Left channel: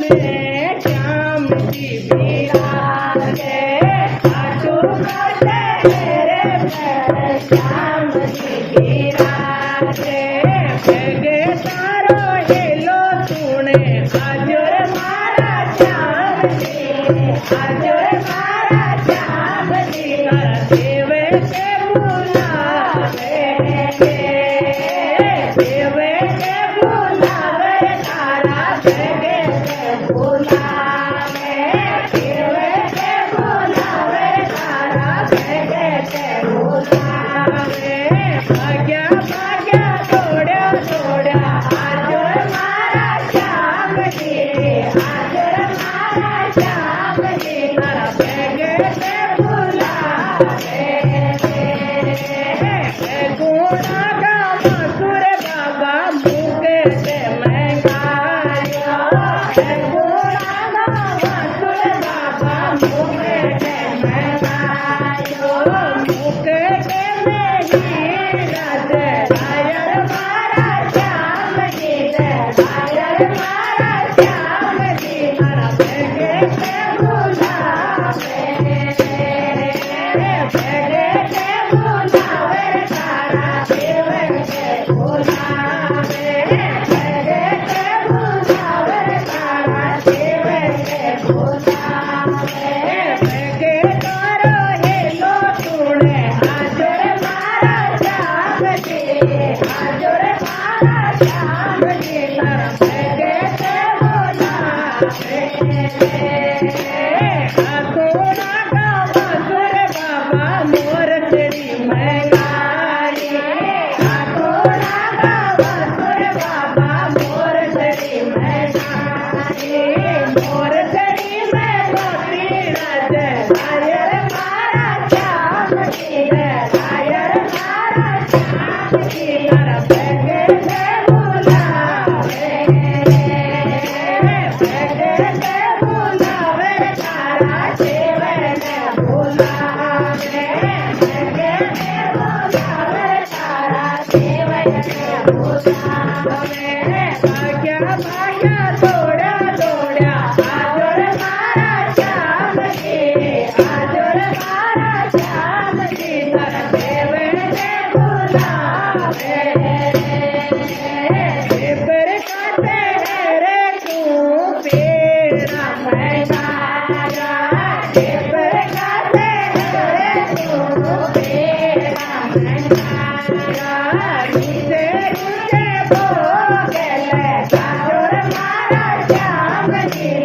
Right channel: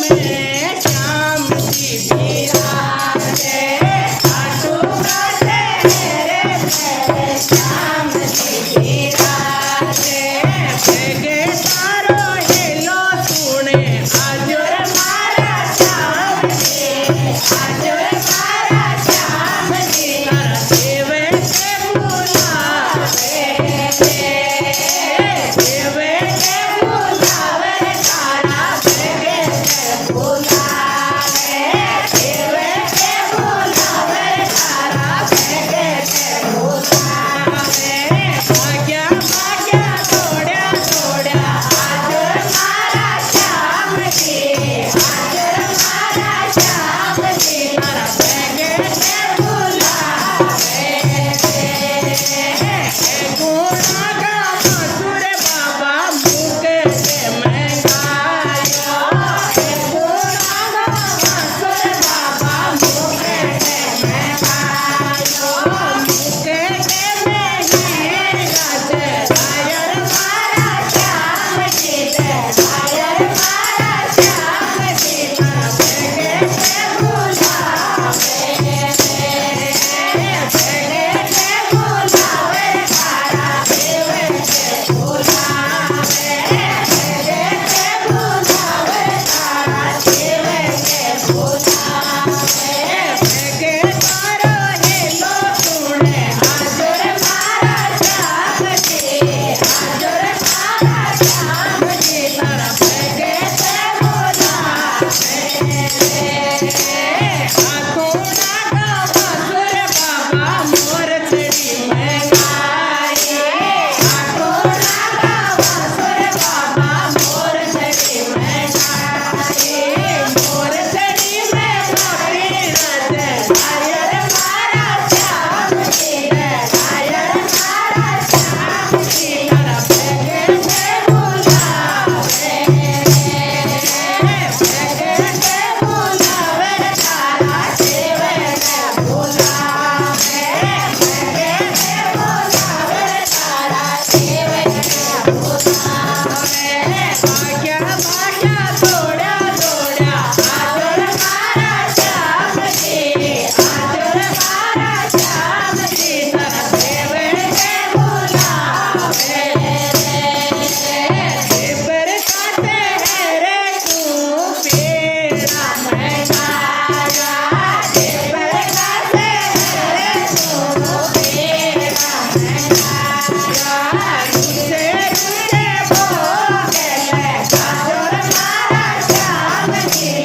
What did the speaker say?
में श्याम जी विराजे खाटू काटे रे पे श्याम जी विराजे भेगे तारो हेलो सुने आजो रे मारा श्याम जी आजो रे मारा श्याम जी तारा देवे के बुलावे देवे के बुलावे तारा देवे के बुलावे देवे के बुलावे तारा देवे के बुलावे भाग्या भाग्या दौड़या दौड़या आजो रे मारा श्याम जी आजो रे मारा श्याम जी तारा देवे के बुलावे गुणा का मसूर बाबा मुके से महंगायो गुणा का मसूर बाबा मुके से महंगायो मुके के में ही राजे रायर मारा श्याम जी रायर मारा श्याम जी तारा भेगे से बुलावे भेगे से बुलावे तारा देवे के बुलावे भेगे के बुलावे तारा देवे के बुलावे भेगे तारो हेलो सुने आजो रे मारा श्याम जी आजो रे मारा श्याम जी तारा भेगे से बुलावे आखोड़ा का मसूर बाबा मोर चढ़ी महंगाई आखोड़ा का मसूर बाबा मोर चढ़ी महंगाई मोर चढ़ी में मोती राजे रायर मारा श्याम जी रायर मारा श्याम जी तारा भेगे से बुलावे भेगे से बुलावे तारा देवे के बुलावे भेगे से बुलावे तारा देवे के बुलावे भाग्या भाग्या दौड़या दौड़या आजो रे मारा श्याम जी आजो रे मारा श्याम जी तारा देवे के बुलावे देवर काटे रे तू पेड़ा महंगाया देवर काटे रे तू पेड़ा महंगाया रुचे रुचे भोगले आजो रे मारा श्याम जी